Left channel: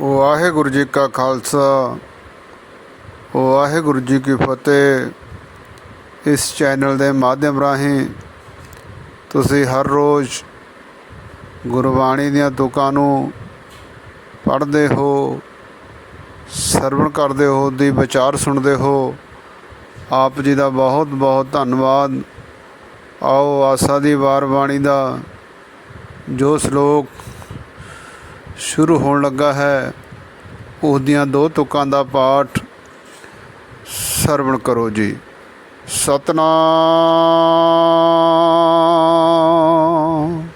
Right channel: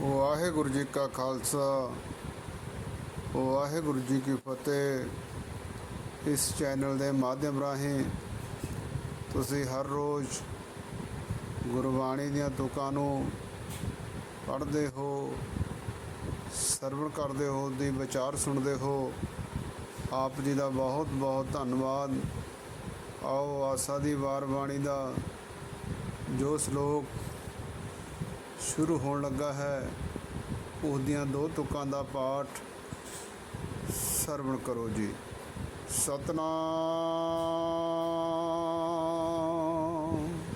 ਵਾਹਿਗੁਰੂ ਜੀ ਕਾ ਖਾਲਸਾ, ਵਾਹਿਗੁਰੂ ਜੀ ਕੀ ਫਤਿਹ। ਇਸ ਚੈਨਲ ਦੇ ਮਾਧਿਅਮ ਰਾਹੀਂ ਤੁਸੀਂ ਹਰ ਰੋਜ਼ ਗੁਰਬਾਣੀ ਦੀਆਂ ਤੁਕਾਂ ਨੂੰ ਪੜ੍ਹਦੇ ਹੋ, ਸਰਵਣ ਕਰਦੇ ਹੋ, ਦੀ ਵਿਚਾਰ ਸੁਣਦੇ ਹੋ। ਆਪ ਜੀ ਦਾ ਬਹੁਤ ਬਹੁਤ ਧੰਨਵਾਦ। ਆਓ ਆਸਾ ਦੀ ਵਾਰ ਬਾਣੀ ਦਾ ਜੋ ਸ਼ਲੋਕ ਸ਼ੁਰੂ ਹੋਣ ਲੱਗਾ ਹੈ। ਉਸ ਦੀਆਂ ਦੋ ਤੁਕਾਂ ਦਾ ਪਾਠ ਸਰਵਣ ਕਰੋ ਜੀ। ਸਤਨਾਮ।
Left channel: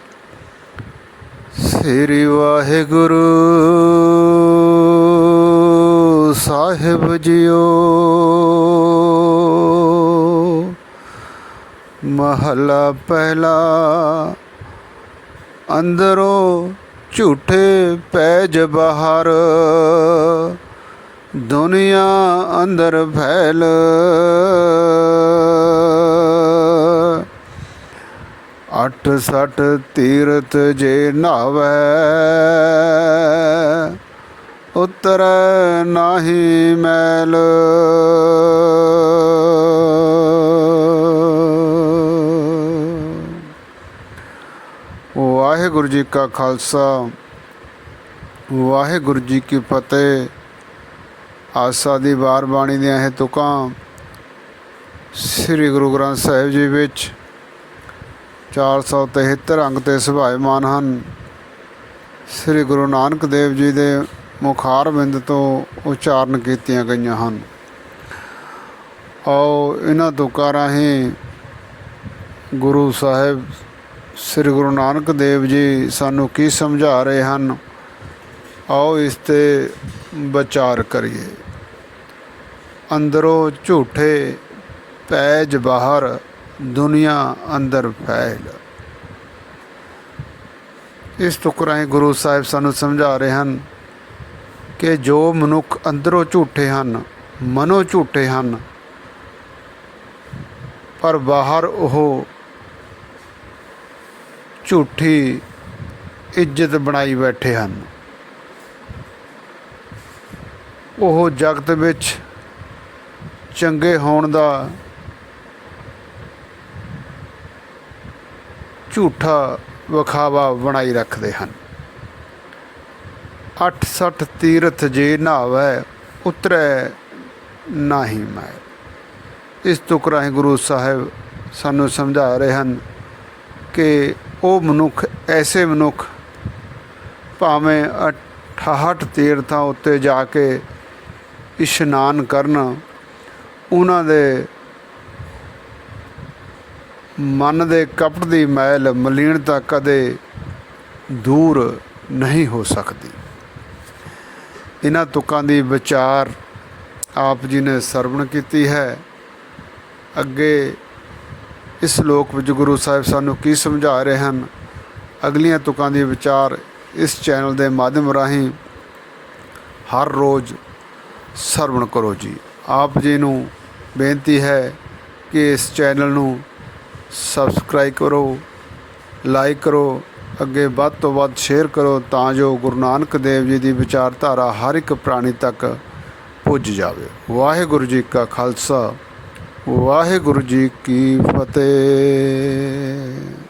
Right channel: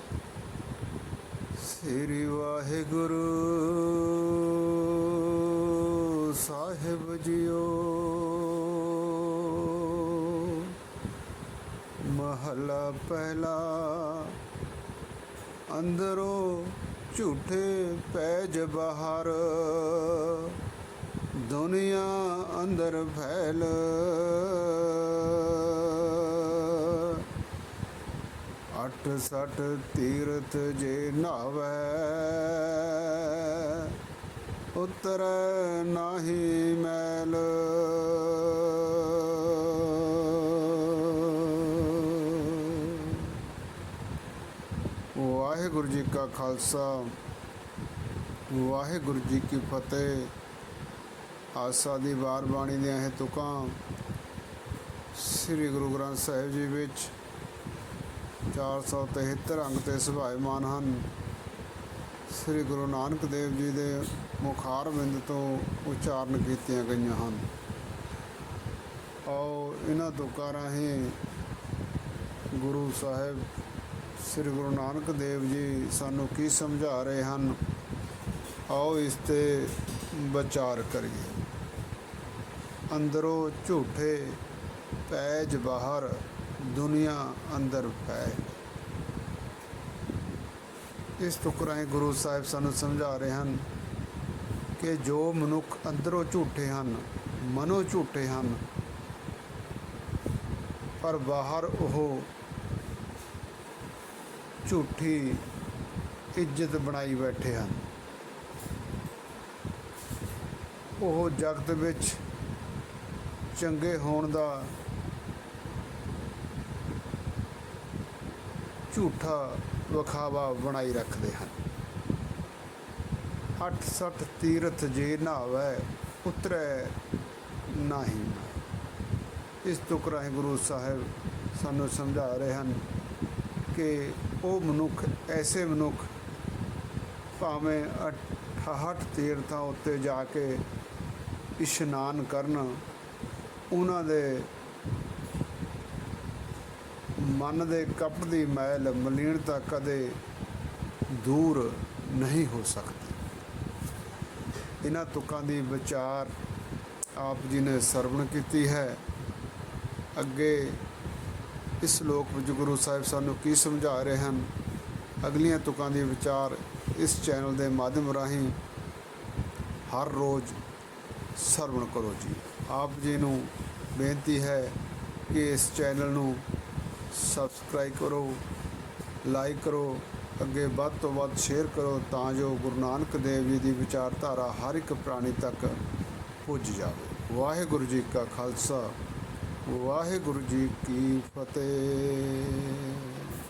ਸ੍ਰੀ ਵਾਹਿਗੁਰੂ ਸਾਹਿਬ ਜੀਓ। ਮਹਲਾ ਪਹਿਲਾ ਅੰਦਰੋਂ ਝੂਠੇ ਪੈਜ ਬਹਾਰ। ਦੁਨੀਆ ਅੰਦਰ ਫੈਲ। ਅੱਠ ਸੱਠ ਤੀਰਥ ਜੇ ਨਾਵੈ ਉਤਰ ਨਾਹੀ ਮੈਲ। ਵਾਹਿਗੁਰੂ ਜੀ ਕਾ ਖਾਲਸਾ, ਵਾਹਿਗੁਰੂ ਜੀ ਕੀ ਫਤਿਹ। ਆਸਾ ਦੀ ਵਾਰ ਬਾਣੀ ਦੀਆਂ ਇਹ ਤੁਕਾਂ ਸ੍ਰੀ ਗੁਰੂ ਗ੍ਰੰਥ ਸਾਹਿਬ ਜੀ ਵਿੱਚ 473 ਅੰਗ ਤੇ ਸੁਭਾਇਮਾਨ ਹਨ। ਸ੍ਰੀ ਗੁਰੂ ਨਾਨਕ ਦੇਵ ਜੀ ਦੇ ਮੁਖਾਰ ਬਿੰਦ ਤੋਂ ਉਚਾਰਨ ਕੀਤੀਆਂ ਗਈਆਂ ਹਨ। ਆਓ ਇਹਨਾਂ ਤੁਕਾਂ ਰਾਹੀਂ ਗੁਰੂ ਸਾਹਿਬ ਸ੍ਰੀ ਗੁਰੂ ਨਾਨਕ ਦੇਵ ਜੀ ਸਾਨੂੰ ਕੀ ਸਮਝਾ ਰਹੇ ਹਨ? ਆਓ ਇਸ ਤੇ ਵਿਚਾਰ ਕਰੀਏ। ਅੰਦਰੋਂ ਝੂਠੇ ਪੈਜ ਬਾਹਰ, ਦੁਨੀਆ ਅੰਦਰ ਫੈਲ। ਇਸ ਤੁਕਰਾਂ ਗੁਰੂ ਸਾਹਿਬ ਸਾਨੂੰ ਸਮਝਾ ਰਹੇ ਹਨ ਕਿ ਜੋ ਮਨੁੱਖ ਅੰਦਰੋਂ ਝੂਠੇ ਹਨ, ਮਨੋ ਝੂਠੇ ਹਨ, ਪਰ ਬਾਹਰ ਉਹ ਝੂਠੀ ਇੱਜ਼ਤ ਬਣਾਈ ਬੈਠੇ ਹਨ। ਉਹ ਜਗਤ ਵਿੱਚ ਚੰਗੇ ਹੋਣ ਦਾ ਝੂਠਾ ਵਿਖਾਵਾ ਬਣਾਈ ਰੱਖਦੇ ਹਨ। 860 ਤੀਰਥ ਜੇ ਨਾਵੈ ਉਤਰੈ ਨਾਹੀ ਮੈਂ। ਇਸ ਤੁਕ ਰਾਹੀਂ ਗੁਰੂ ਸਾਹਿਬ ਸਾਨੂੰ ਸਮਝਾ ਰਹੇ ਹਨ ਕਿ ਉਹ ਮਨੁੱਖ, ਐਸੇ ਮਨੁੱਖ ਭਾਵੇਂ 68 ਤੀਰਥਾਂ ਉੱਤੇ ਜਾ ਕੇ ਇਸ਼ਨਾਨ ਕਰਨ, ਉਹਨਾਂ ਦੇ ਮਨ ਦੇ ਕਪਟ ਦੀ ਮੈਲ ਮਲੀਨਤਾ ਕਦੇ ਦੂਰ ਨਹੀਂ ਹੋ ਸਕਦੀ। ਇਹਨਾਂ ਤੁਕਾਂ ਦੀ ਵਿਚਾਰ ਆਪ ਜੀ ਨੇ ਸਰਵਣ ਕੀਤੀ ਹੈ। ਅੱਗੇ ਇਸ ਲੋਕ ਵਿੱਚ ਗੁਰੂ ਸਾਹਿਬ ਸਾਨੂੰ ਕੀ ਸਮਝਾ ਰਹੇ ਹਨ? ਅਗਲੀਆਂ ਤੁਕਾਂ ਦੀ ਵਿਚਾਰ ਇਸ ਚੈਨਲ ਦੇ ਮਾਧਿਅਮ ਰਾਹੀਂ ਹਰ ਰੋਜ਼ ਸਰਵਣ ਕਰੋ ਜੀ। ਆਪ ਜੀ ਨੂੰ ਬੇਨਤੀ ਹੈ ਕਿ ਇਸ ਚੈਨਲ ਨੂੰ ਸਬਸਕ੍ਰਾਈਬ ਕਰੋ, ਲਾਈਕ ਕਰੋ, ਅੱਗੇ ਵੱਧ ਤੋਂ ਵੱਧ ਸ਼ੇਅਰ ਕਰੋ ਤਾਂ ਜੋ ਗੁਰੂ ਨਾਨਕ ਦੇਵ ਜੀ ਦੀ ਵਿਚਾਰਧਾਰਾ ਹਰ ਇੱਕ ਪ੍ਰਾਣੀ ਤੱਕ ਪੁੱਜ ਜਾਵੇ। ਵਾਹਿਗੁਰੂ ਜੀ ਕਾ ਖਾਲਸਾ। ਵਾਹਿਗੁਰੂ ਜੀ ਕੀ ਫਤਿਹ।